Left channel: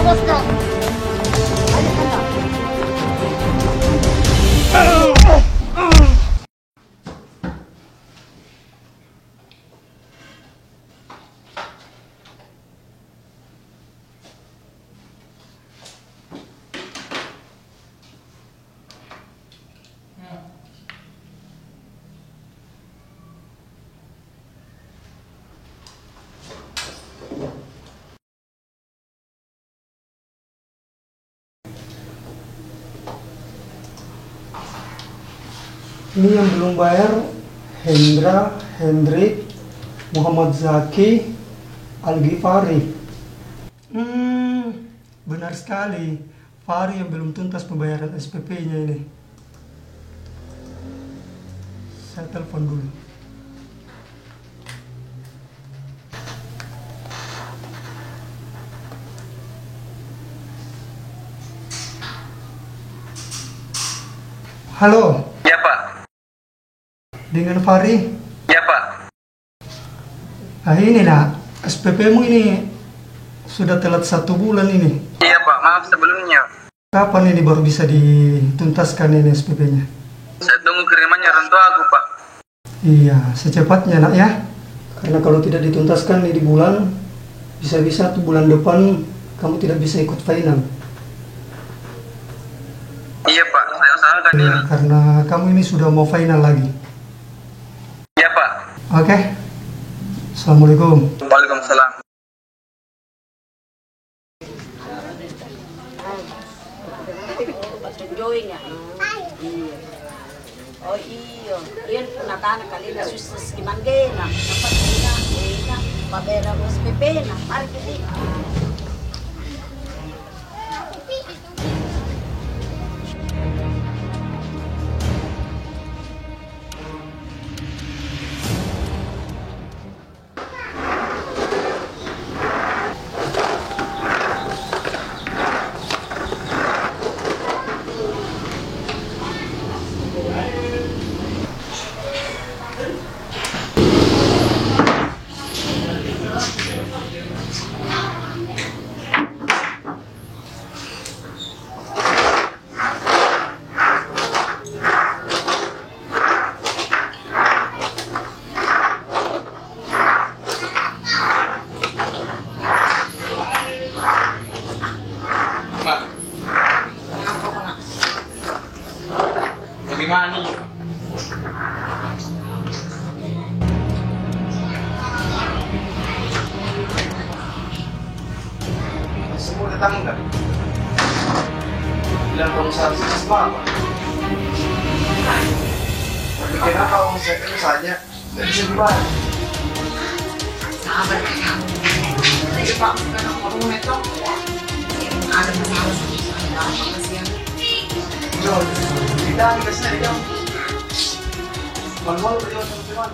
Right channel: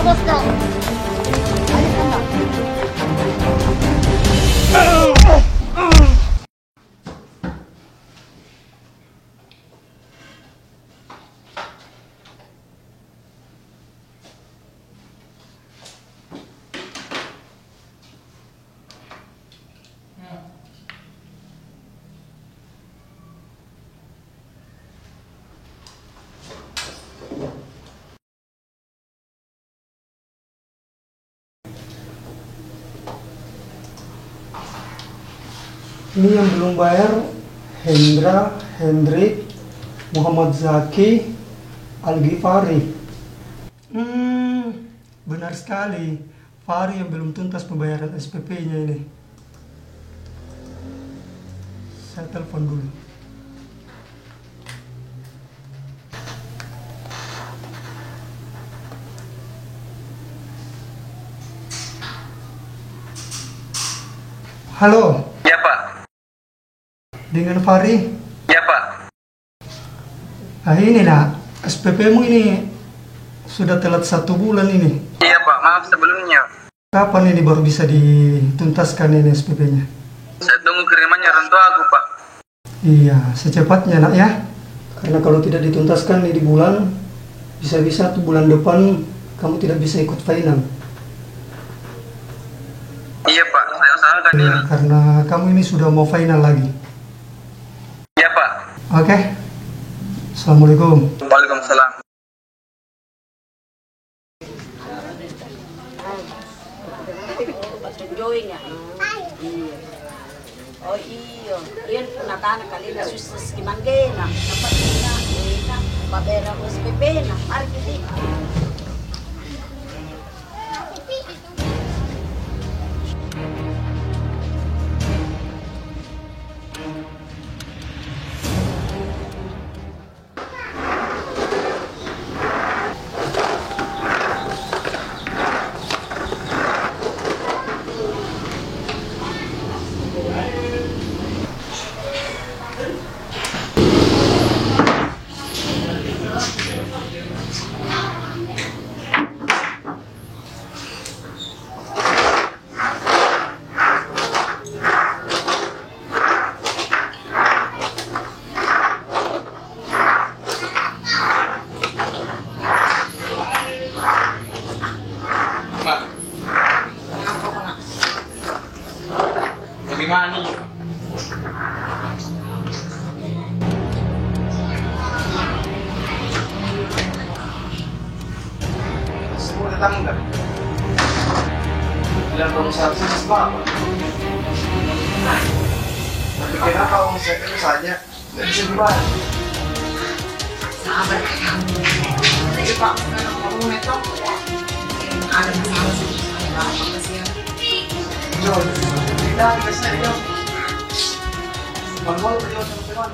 Terus kak. Ayo kan kak. Ini yang belum bayar Hendra, Hendrik, Muhammad Zaki, Al-Ghifari. Benar sekali. Fahri yang belum tuntas pembayaran SPP-nya ini. Saya telepon dulu. Halo. Ya Pak. Dengan Fahri? Ya Pak. Ah ini nak, SPP-mu ini sudah telat 1 bulan ini. Iya Pak, maaf sebelumnya. Kapan ini baru bisa dituntaskan ini SPP-nya? Saya tunggu kirimannya orang tua aku Pak. Iya, secepatnya nak ya. Karena kalau tidak dituntaskan ini di bulan, bisa-bisa tuh bulan depan kamu tidak bisa ikut final. Iya Pak, saya usahakan Ya, ini. karena kamu ini sudah mau final lagi. Iya Pak. Oke. Assalamualaikum. Waalaikumsalam. Join ya. Iya. Oh iyo, iyan po natana kalina susas kimangena. Dapat na, mabera mo SPP na. Mari kiti. Pak. Bagaimana nih? Semua tetangga. Bilang pengusaha sukses apa? Tapi kenapa omsetnya saja nggak bisa dibayar? Sabar ya. Jadi Pak, sekarang kamu itu ada masalah sama saya apa kasihan? No, kita kasih dia. Manual beliau sama teman.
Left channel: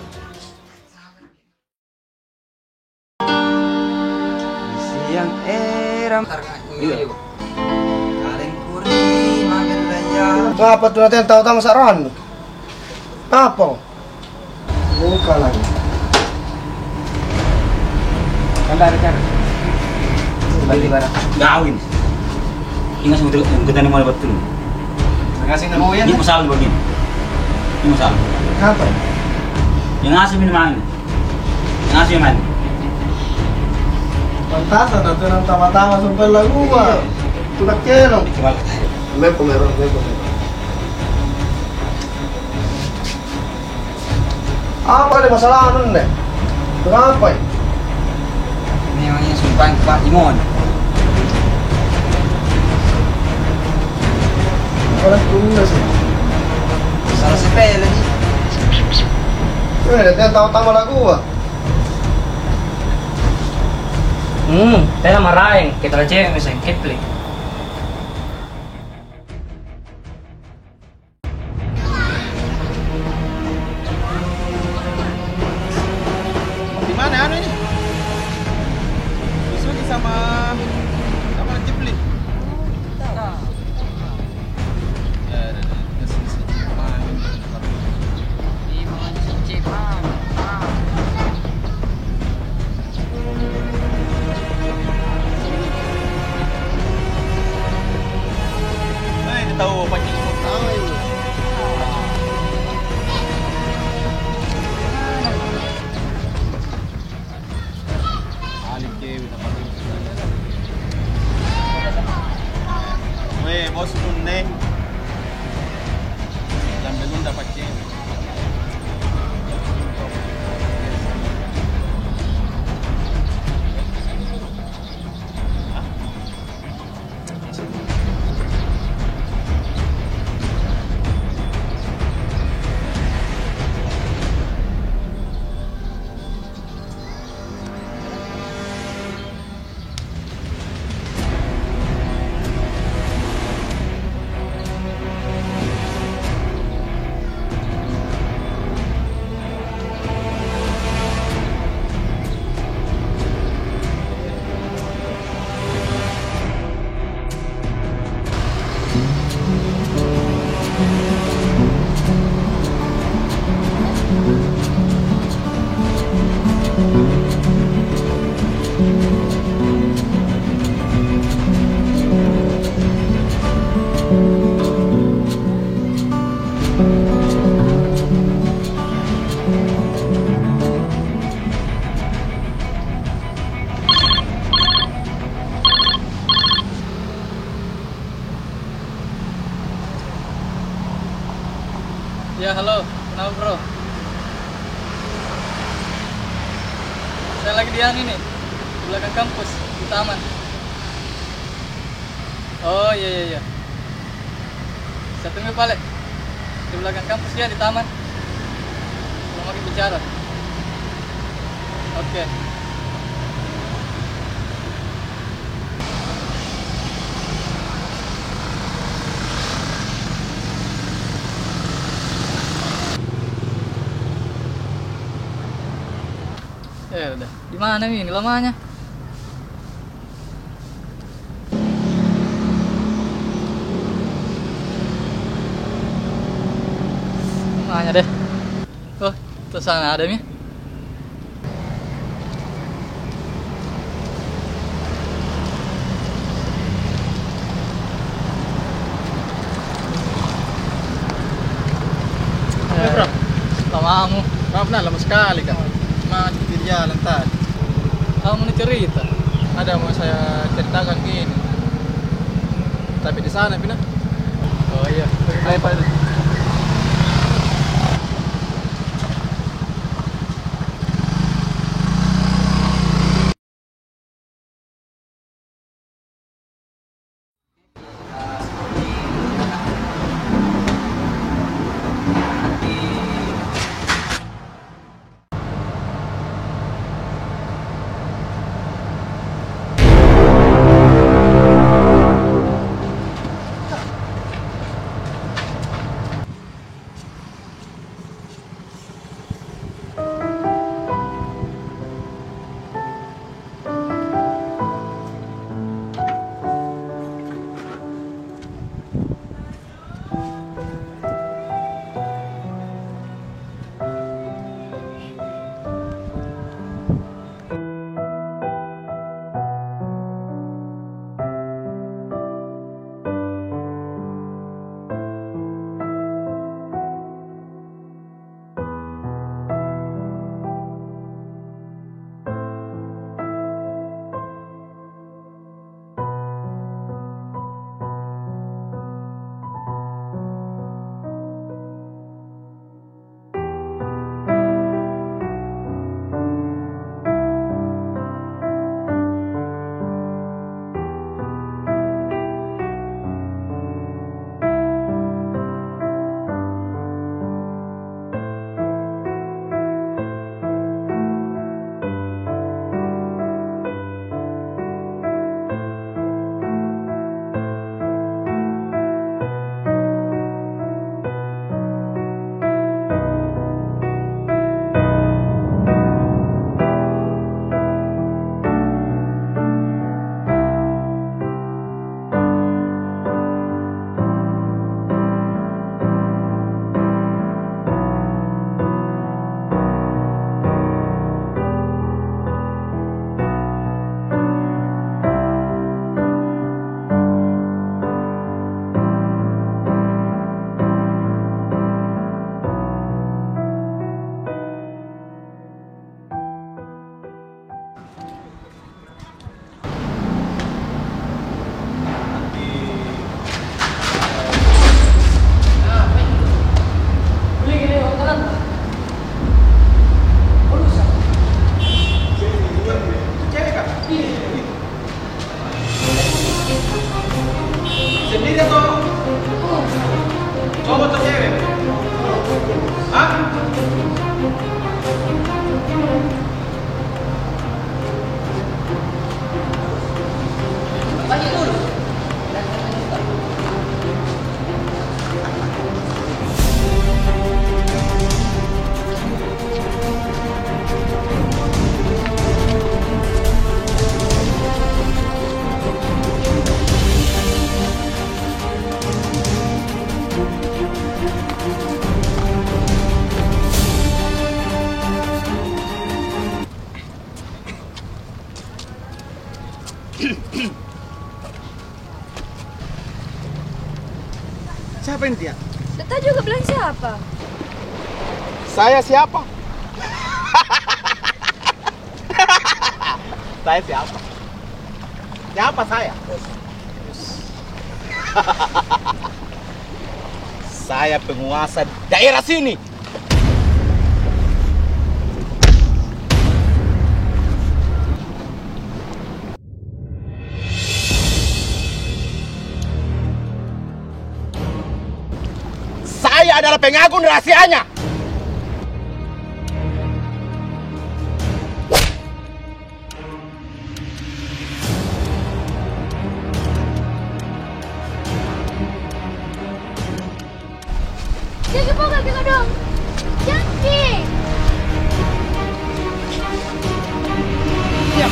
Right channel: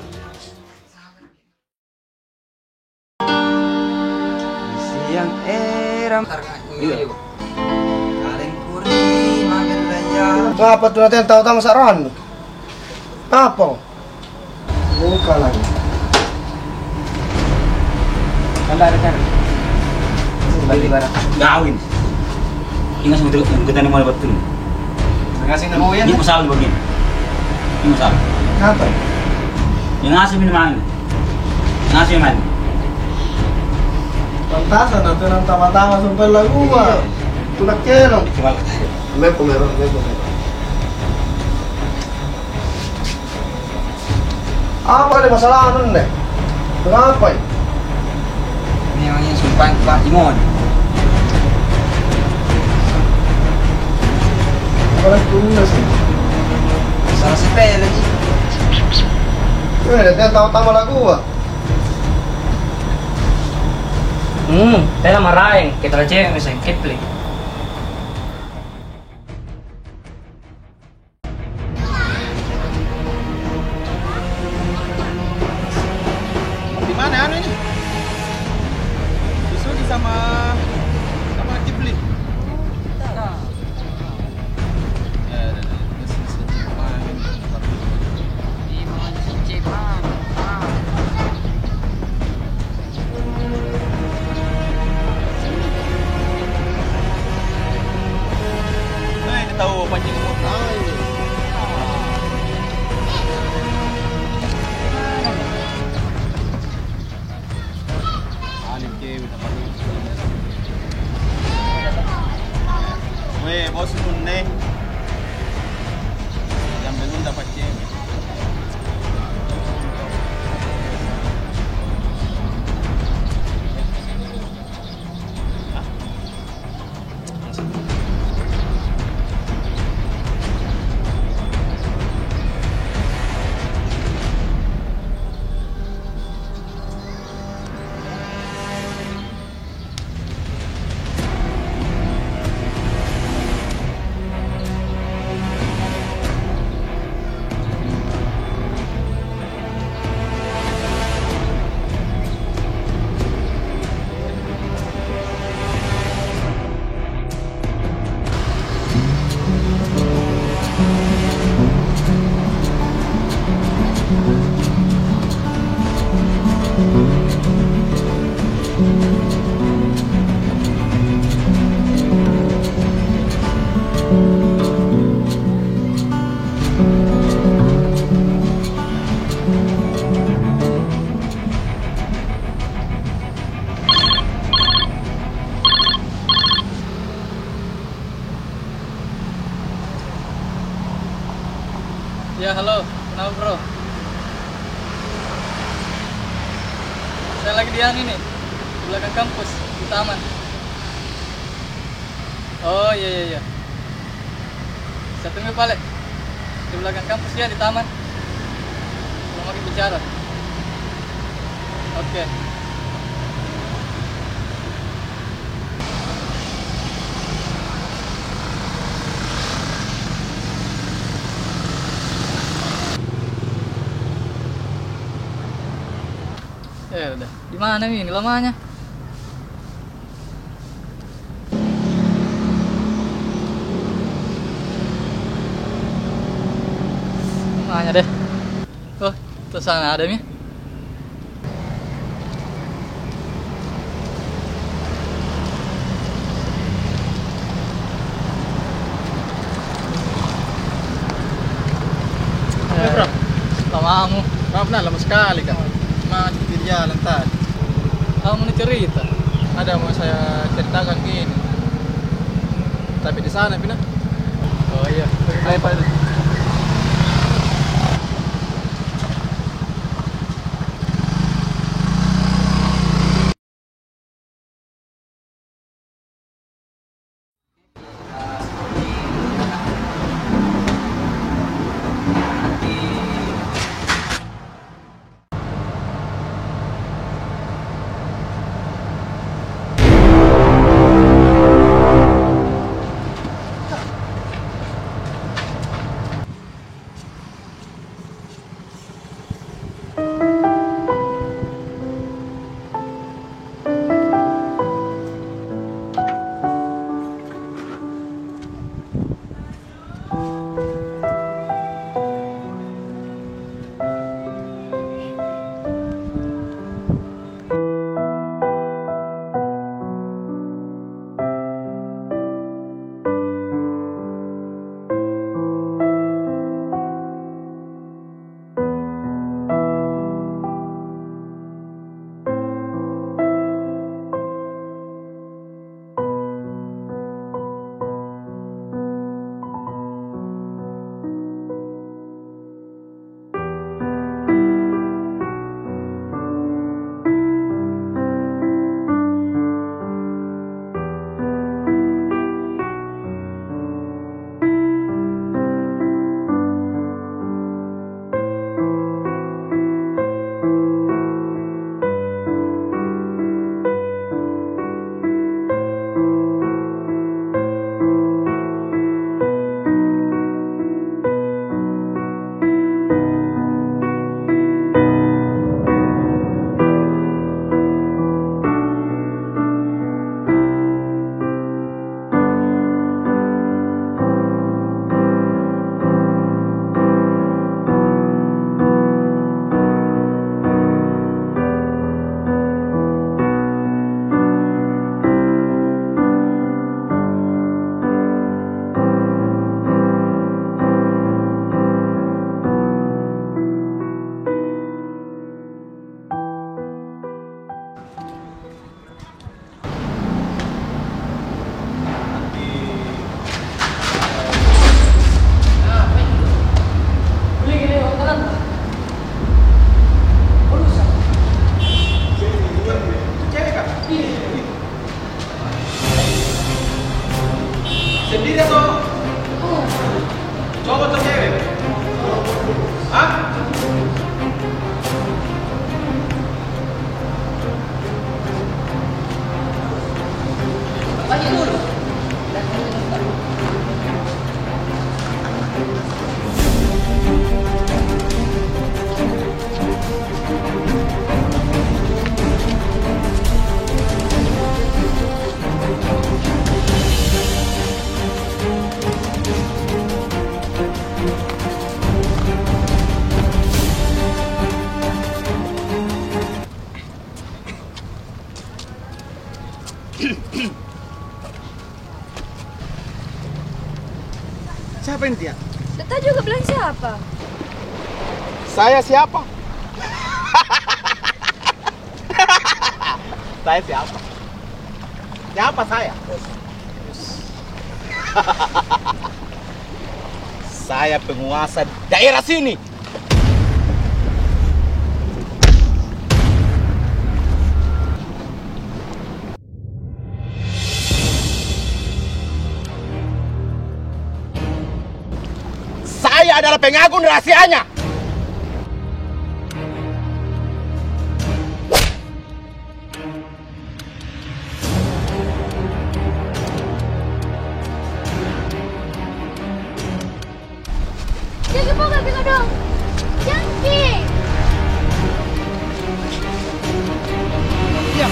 Siang eram iya. Kaleng kuri magen laya. Ngapa tuh nanti yang tahu-tahu saran? Apa? Buka lagi. Kan ada cara. Balik barang. Gawin. Ingat sama kita nih mau betul. Ngasih nama ya. Ini masalah begini. Ini masalah. Apa? Yang ngasih minuman. Yang ngasih minuman. Pantasan nanti nang tama-tama sampai lagu gua. Tulak kelong. Dikebal. Mepo meron. Apa ada masalah anu nih? Kenapa ya? Ini namanya sumpah Pak Imon. Orang tunda sih. Salah sepele lagi. Nanti yang tahu-tahu lagu gua. Tela marahin, kita aja misalnya kitli. Di mana anu ini? Susuki sama Kipli. bos nunne. Yang belum dapat cewek. Ya halo, kenapa bro? Saya lagi di ini nih, di belakang kampus, di taman. Oh iya. Saya tunggu balik di belakang kampus ya, di taman. Mau lagi bicara. Oke. Ya udah. Di mana nih ini lamanya? Nanya deh. Oh, tuh sana ada nih. Bro, lamamu. Maaf nah, lama sekali kan. Cuma di jalan tadi. Kamu nih cerita. Ada mau saya ceritakan gini. Tapi di sana Pina. Oh iya. Ayo Pak. Siapa ini dia? Tata juga bilang siapa? Saya siapa? Saya siapa? Siapa saya? Saya penguasa daerah sini. Saya adalah pengagun rahasianya. Jangan buka kita dong. Jangan. Ya.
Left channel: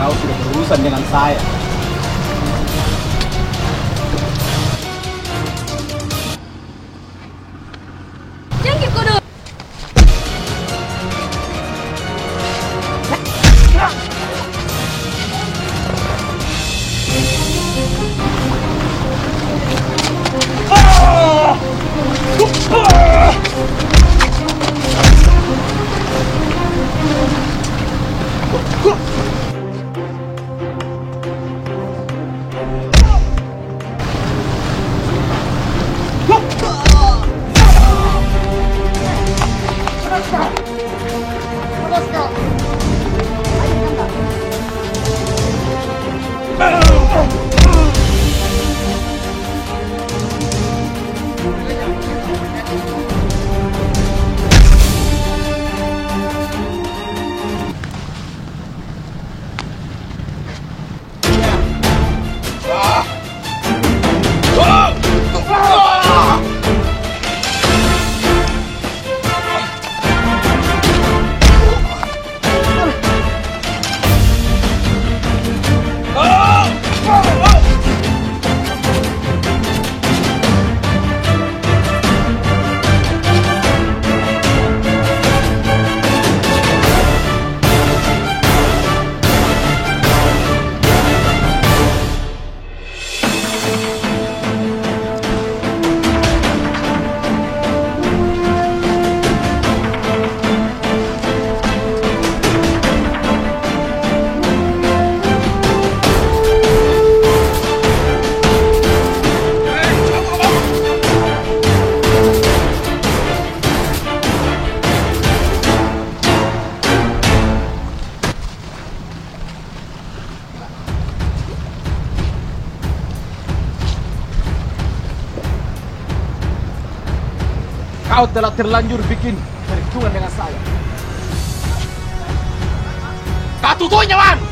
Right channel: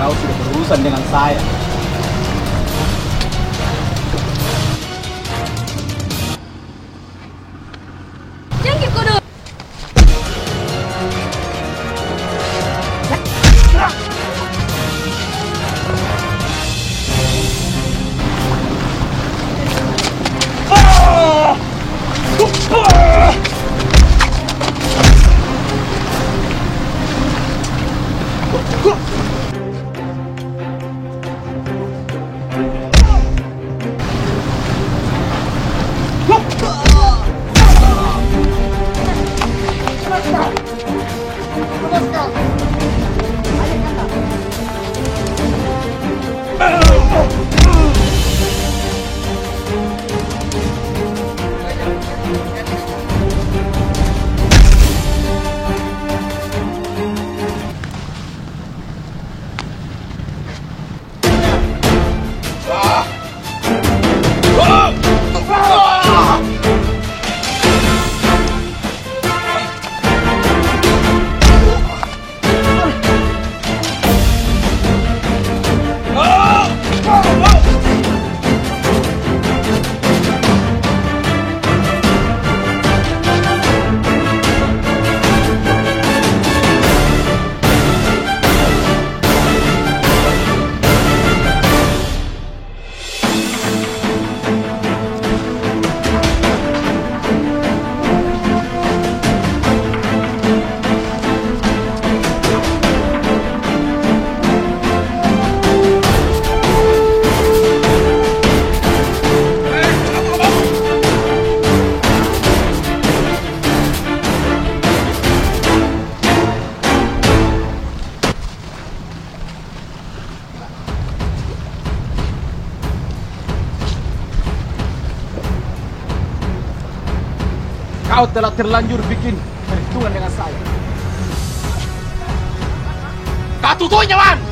Kau sudah berurusan dengan saya. Jangan kudu. Kau telah terlanjur bikin perhitungan dengan saya. Kau tutunya, Man!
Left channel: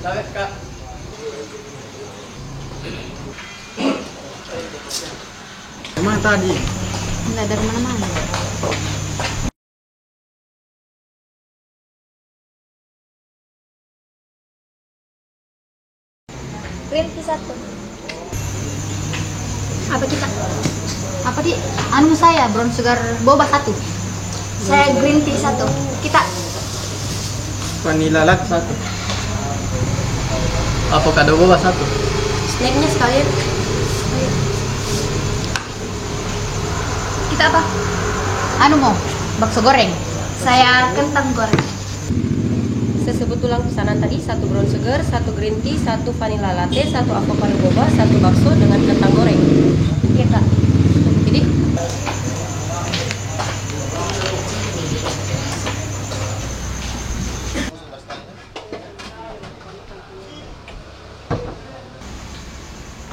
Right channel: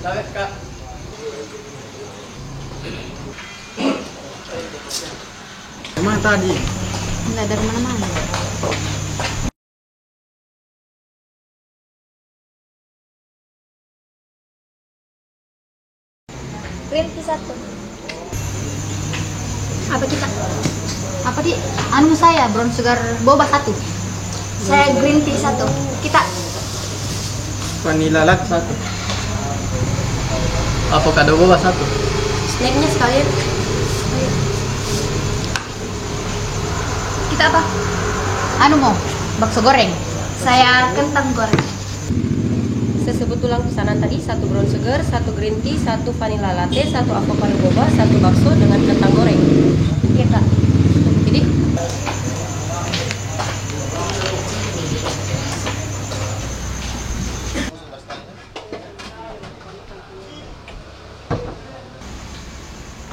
Lawet kak. Kemana tadi? Enggak dari mana-mana. Green tea 1. Apa kita? Apa di? Anu saya brown sugar boba 1. Saya green tea 1. Kita Vanilla latte 1. Avocado boba 1. snacknya sekalian. Kita apa? Anu mau bakso goreng. Saya kentang goreng. Sebut ulang pesanan tadi, 1 brown sugar, 1 green tea, 1 vanilla latte, 1 avocado boba, 1 bakso dengan kentang goreng. Iya kak. Jadi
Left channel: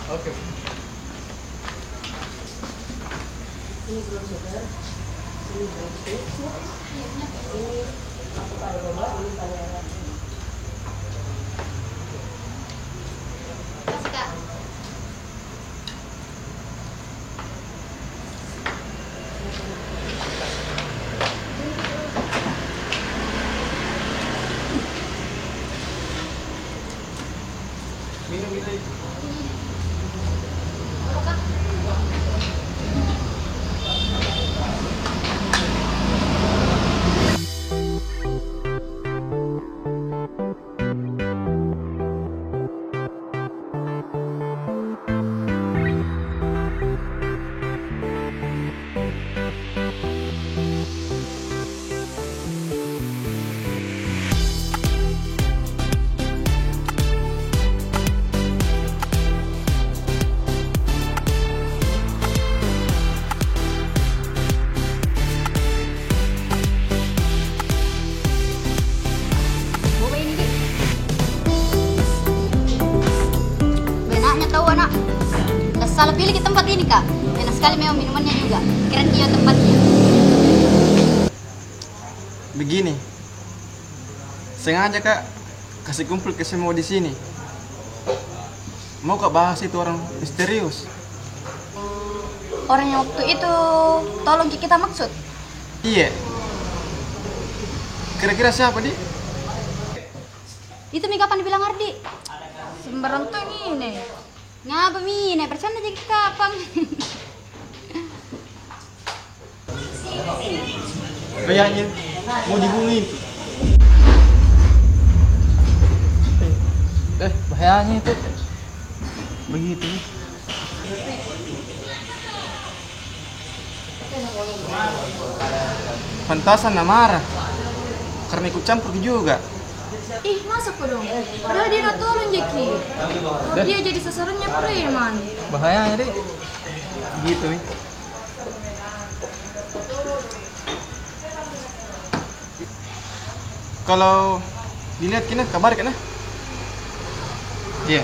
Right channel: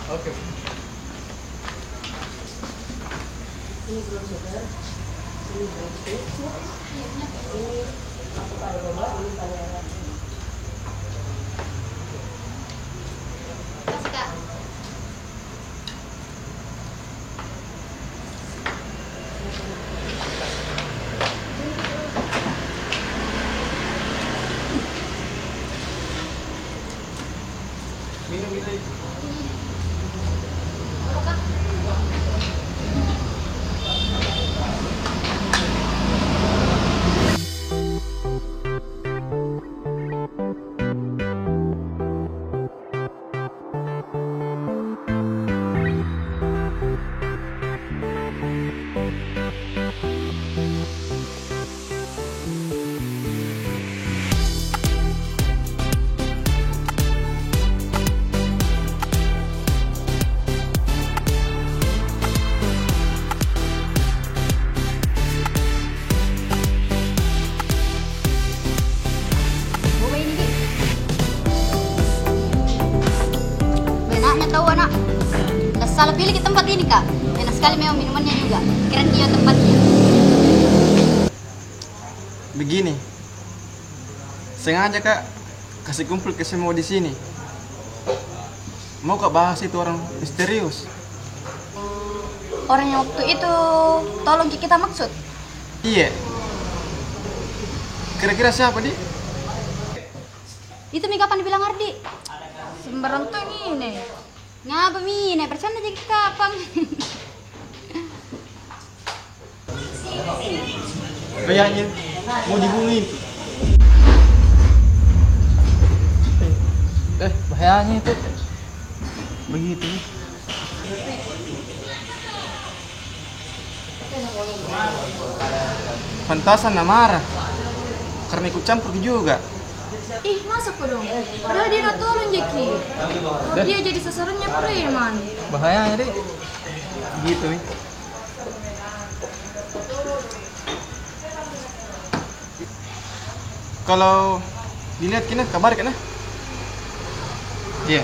Oke. Ini brown sugar, ini green tea, ini avocado boba, ini vanilla latte. kasih kak. Minum itu. Boba ini di. Benaknya tahu anak. Udah salah pilih ke tempat ini kak. Enak sekali memang minumannya juga. Keren dia tempatnya. Begini. Sengaja kak kasih kumpul ke semua di sini. Mau kak bahas itu orang misterius? Orang yang waktu itu tolong kita maksud. Iya. Kira-kira siapa di? Itu mi kapan dibilang Ardi? Sembarang tuh ini. Ngapa mi? Nih bercanda jadi kapan? Kayaknya mau dibunuhin. Bahayanya itu. Begitu. Pantasan nak marah karena ikut campur juga. Ih, masa kok dong? Padahal dia udah turun, Jeki. Kalau dia jadi sasarannya preman. Bahayanya deh. Gitu nih. Kalau dilihat kena kabar kena. Iya.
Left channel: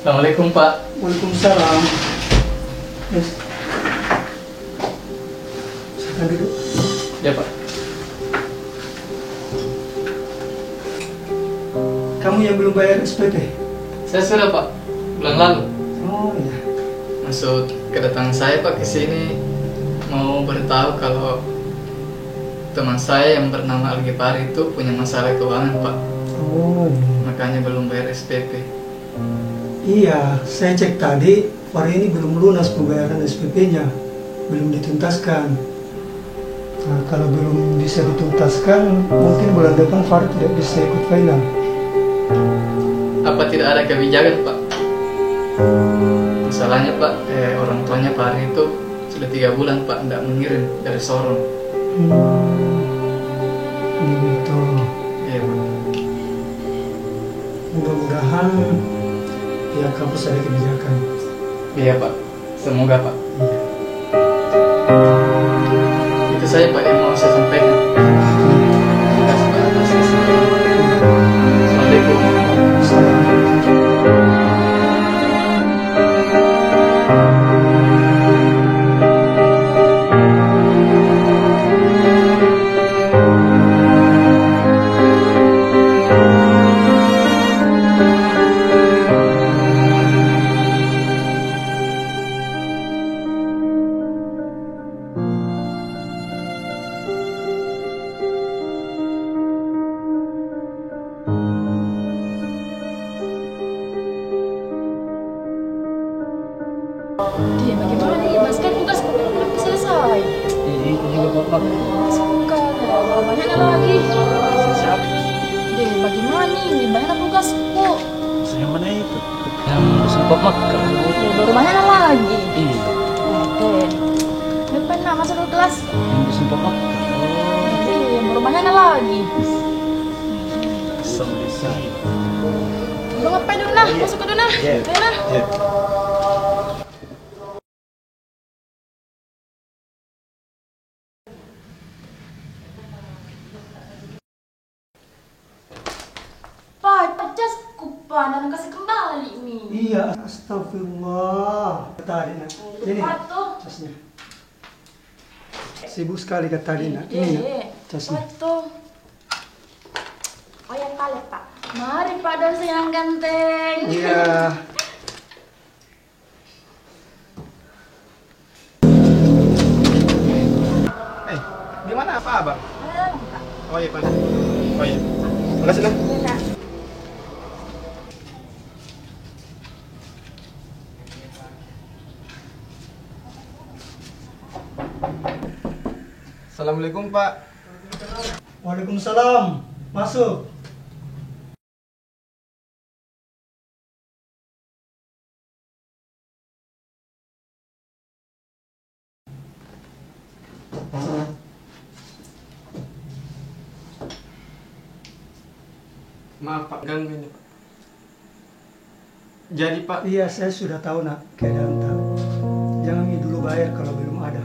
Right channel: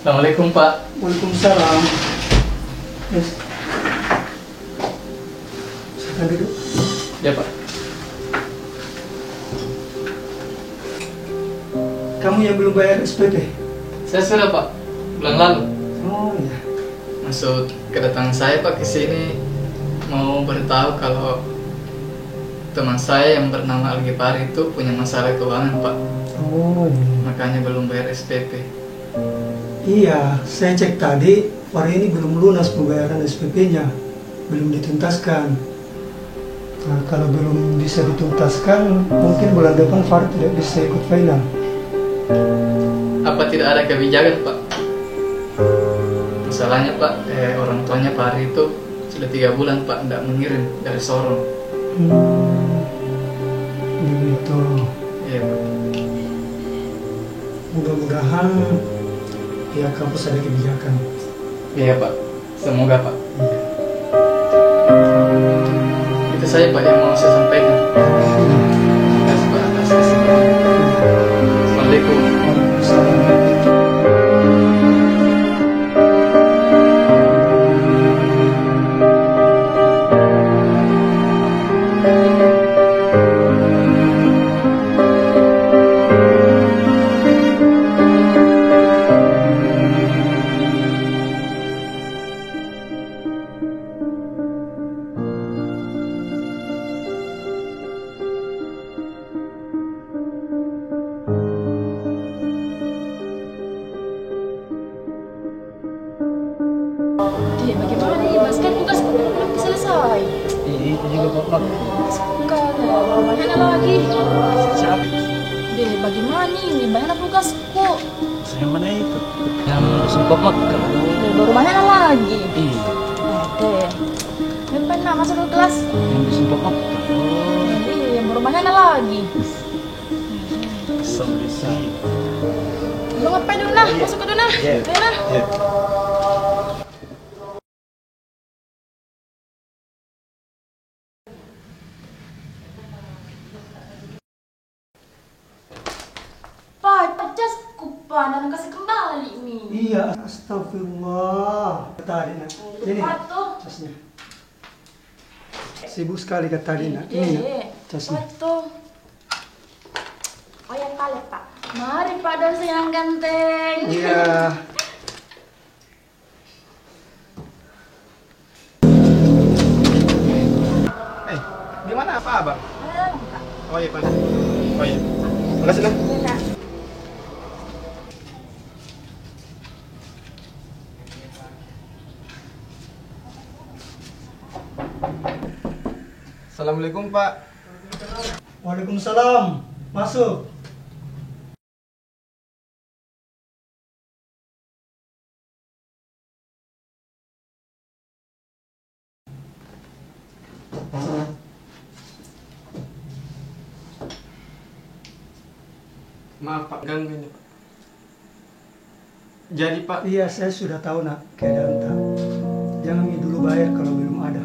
Assalamualaikum Pak. Waalaikumsalam. Yes. Silakan duduk. Ya Pak. Kamu yang belum bayar SPP? Saya sudah Pak, bulan lalu. Oh iya. Maksud kedatangan saya Pak ke sini mau beritahu kalau teman saya yang bernama Algipari itu punya masalah keuangan Pak. Oh Makanya belum bayar SPP. iya, saya cek tadi hari ini belum lunas pembayaran SPP-nya, belum dituntaskan. Nah, kalau belum bisa dituntaskan, mungkin bulan depan Fahri tidak bisa ikut final. Apa tidak ada kebijakan Pak? Masalahnya Pak, orang tuanya Pak Hari itu sudah 3 bulan Pak tidak mengirim dari Sorong. Begitu. Iya Pak. mudah-mudahan pihak kampus ada kebijakan. Iya Pak, semoga Pak. Iya. Itu saja Pak yang mau saya sampaikan. Terima kasih Pak atas kesempatan. Assalamualaikum. Waalaikumsalam. Dia bagaimana nih, Mas? Kan tugas belum selesai. Iya, itu juga Pak. Bukan, baru banyak lagi. Siapa? Deh, bagaimana nih? Banyak tugasku. Yang mana itu? Yang dosen Pak Mak. Deh, baru banyak lagi. Iya. Deh, yang pernah masuk ke kelas. Yang dosen Pak Mak. Deh, yang baru banyak lagi. Kesel bisa. Lu ngapain dulu nah? Masuk ke dulu nah. Iya. Ayo nah. Pak, jasku Pak, dan kasih kembali nih. Iya, astagfirullah. Tadi nak, ini Patuh. casnya. Sibuk sekali kata tadi nak. Ini nak, casnya. Patuh. Oh yang kali Pak. Mari Pak dosen yang ganteng. Iya. Gimana apa abang? Ayo, Pak. Oh iya Pak. Oh iya. Makasih lah. Iya. Assalamualaikum Pak. Waalaikumsalam. Masuk. Maaf Pak, ganggu ini Pak. Jadi Pak, Iya, saya sudah tahu nak keadaan tak. Jangan dulu bayar kalau belum ada.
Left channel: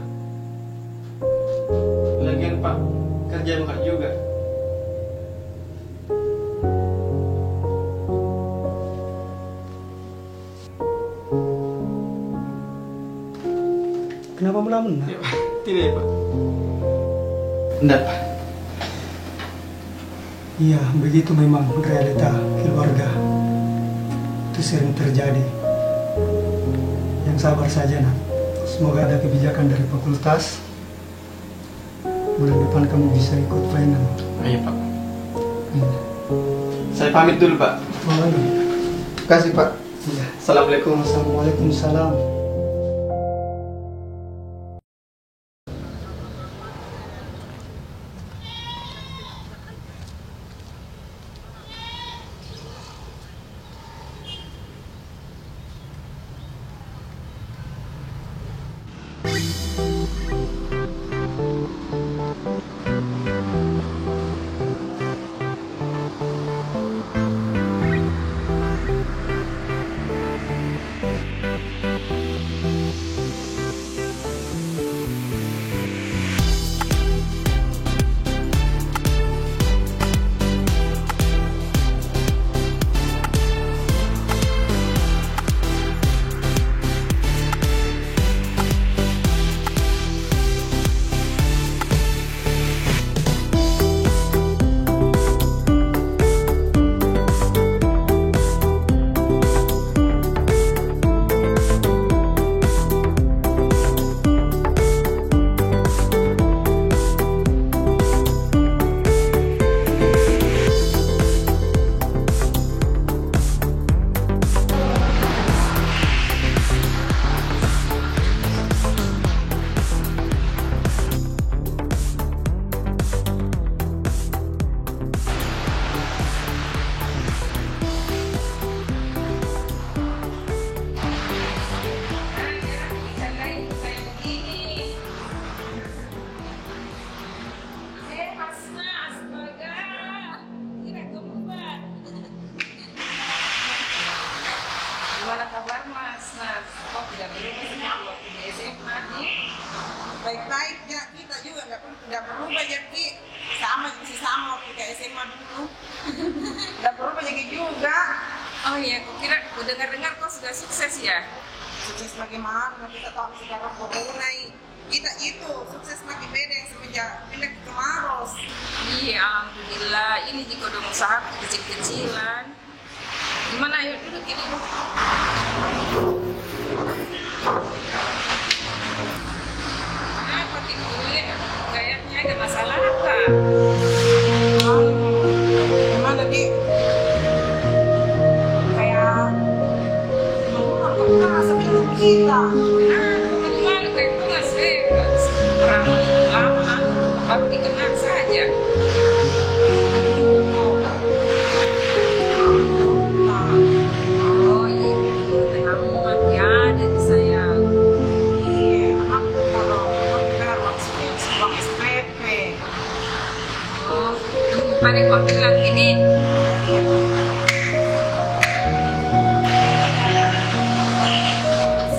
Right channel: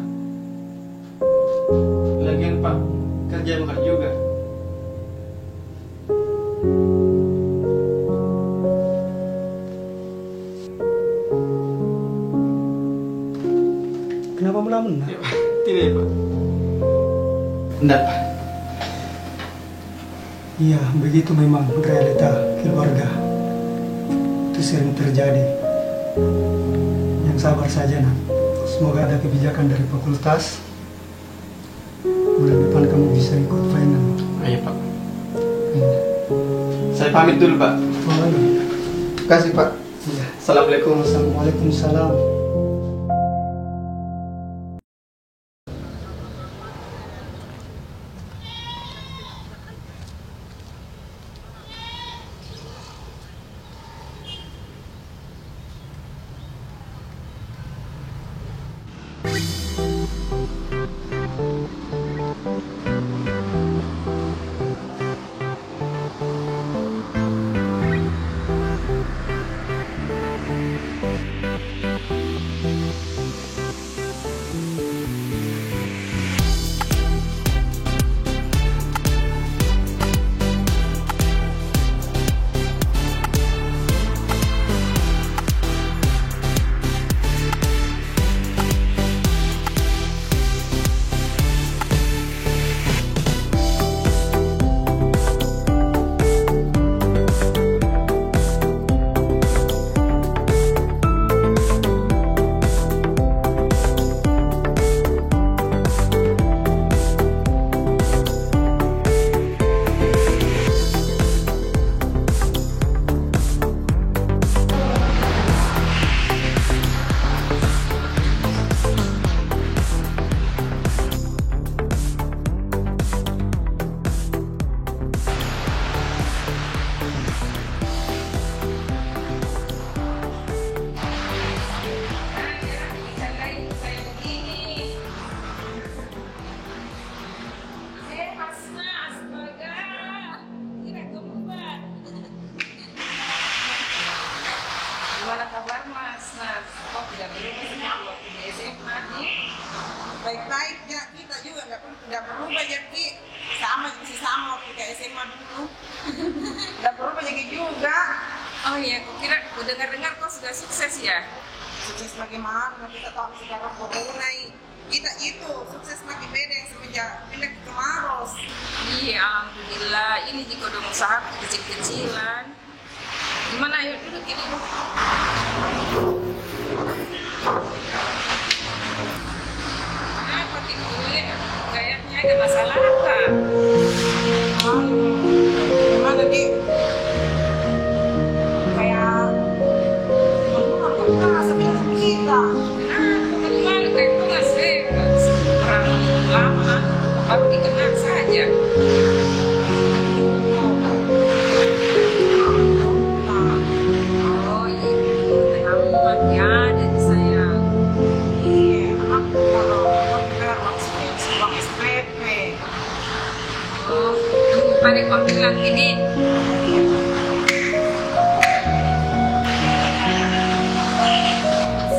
lagian Pak, kerja mahal juga. Kenapa melamun nak? Ya, Pak. Tidak ya Pak. Enggak Pak. Iya, begitu memang realita keluarga. Itu sering terjadi. Yang sabar saja nak. Semoga ada kebijakan dari fakultas. Bulan depan kamu bisa ikut final. Ayo Pak. Iya. Saya pamit dulu Pak. Oh, iya. Terima kasih Pak. Iya. Assalamualaikum. Waalaikumsalam. Baik-baiknya kita juga nggak perlu banyak Ki, sama masih sama waktu kayak SMA dulu. Nggak perlu banyak juga. Oh iya, aku kira aku dengar-dengar kau sudah sukses ya. Sukses bagaimana? Kita tahu sekarang corona kita itu sukses makin beda yang semenjak pindah ke Maros. Iya, alhamdulillah. Ini jika udah usaha kecil-kecilan. Gimana ayo duduk ini? Kenapa tidur? Kayaknya ada masalah apa? Gimana Di? Kayak ngomong kok merasa bilang kita. Malu kayak itu nggak sih? Orang lama baru dikenal saja. Oh itu amat ya dari saya. Iya, aku kalau uang SPP. Oh, pada kau bilang ini.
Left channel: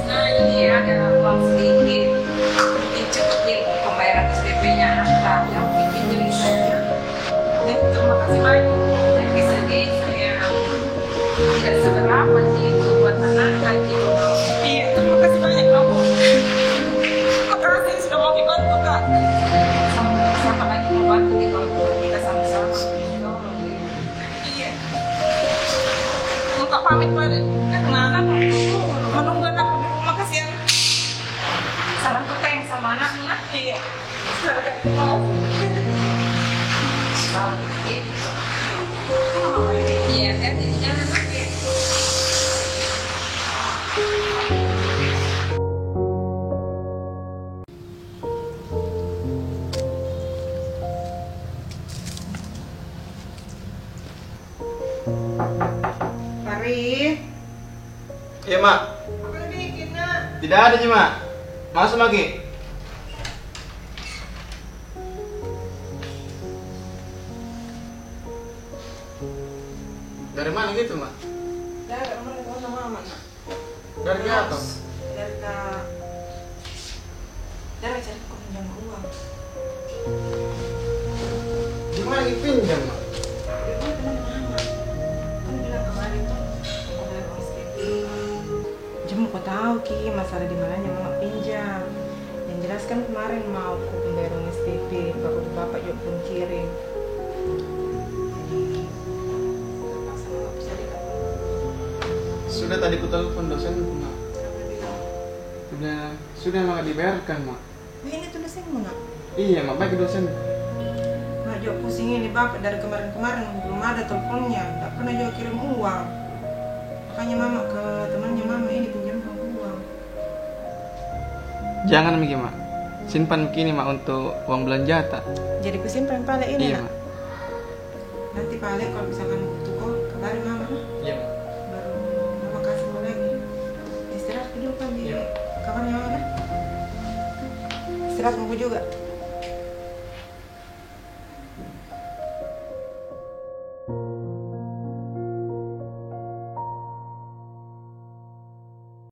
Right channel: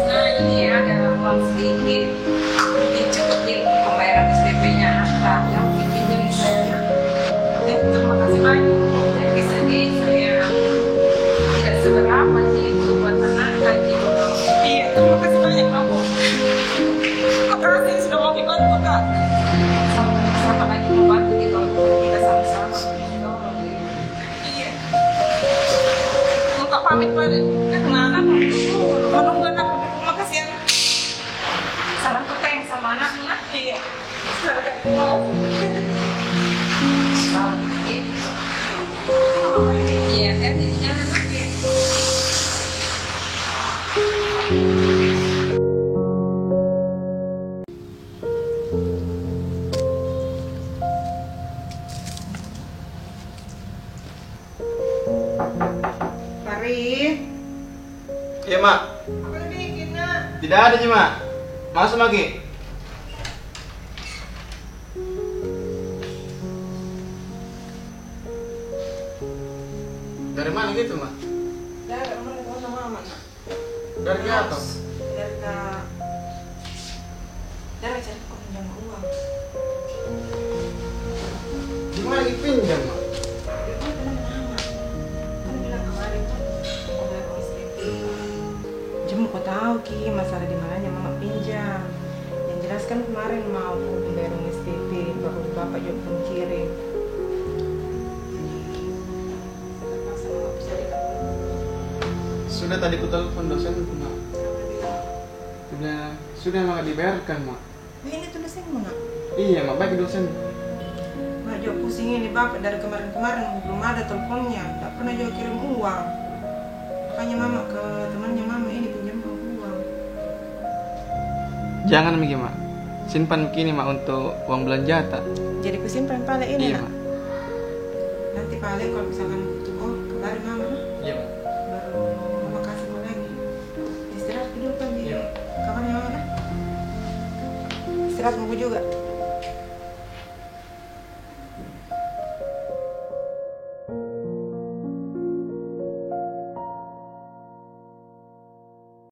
Nah ini ada uang sedikit, mungkin cukup di pembayaran SPP-nya anak yang bikinnya bisa. Terima kasih banyak. Tapi sedih saya tidak seberapa sih itu buat anak gitu. Iya, terima kasih banyak kamu. Terima kasih sudah mau dibantu Kak. Sama lagi mau bantu di kalau kita sama-sama. Iya. Untuk pamit pada kemana? Menunggu anak di rumah kasihan. Salam keteng sama anak-anak. Iya. Selamat Iya, kan jadi jangan lagi. Pari. Iya, Mak. Apa yang bikin, Nak? Tidak ada, Mak. Masuk lagi. Dari mana gitu, Mak? Dari mana mama, Nak? Dari atas. Dari cari kok pinjam uang. Di mana lagi pinjam, Mak? Dari teman mama. Kan bilang kemarin tuh mau bayar uang SPP. Jemu kok tahu Ki masalah di mananya mama pinjam. Yang jelas kan kemarin mau aku bayar uang SPP, baru bapak juga belum kirim. Sudah tadi ku telepon dosen, Mak. Sudah Mak dibayarkan, Mak. Ini tuh dosenmu, Nak? Iya, Mak, baik dosen. Mak juga pusing ini bapak dari kemarin-kemarin belum ada teleponnya, tak pernah juga kirim uang. Makanya mama ke temannya mama ini pinjam uang. Jangan begini, Mak. Simpan begini, Mak, untuk uang belanja tak? Jadi kusimpan pale ini, Iya, Nak? Mak. Nanti pale kalau misalkan butuh kok kabarin mama, Nak. Iya, Mak. Baru mama kasih kau lagi. Istirahat dulu kan di kamarnya mama, kan? Istirahat mau juga.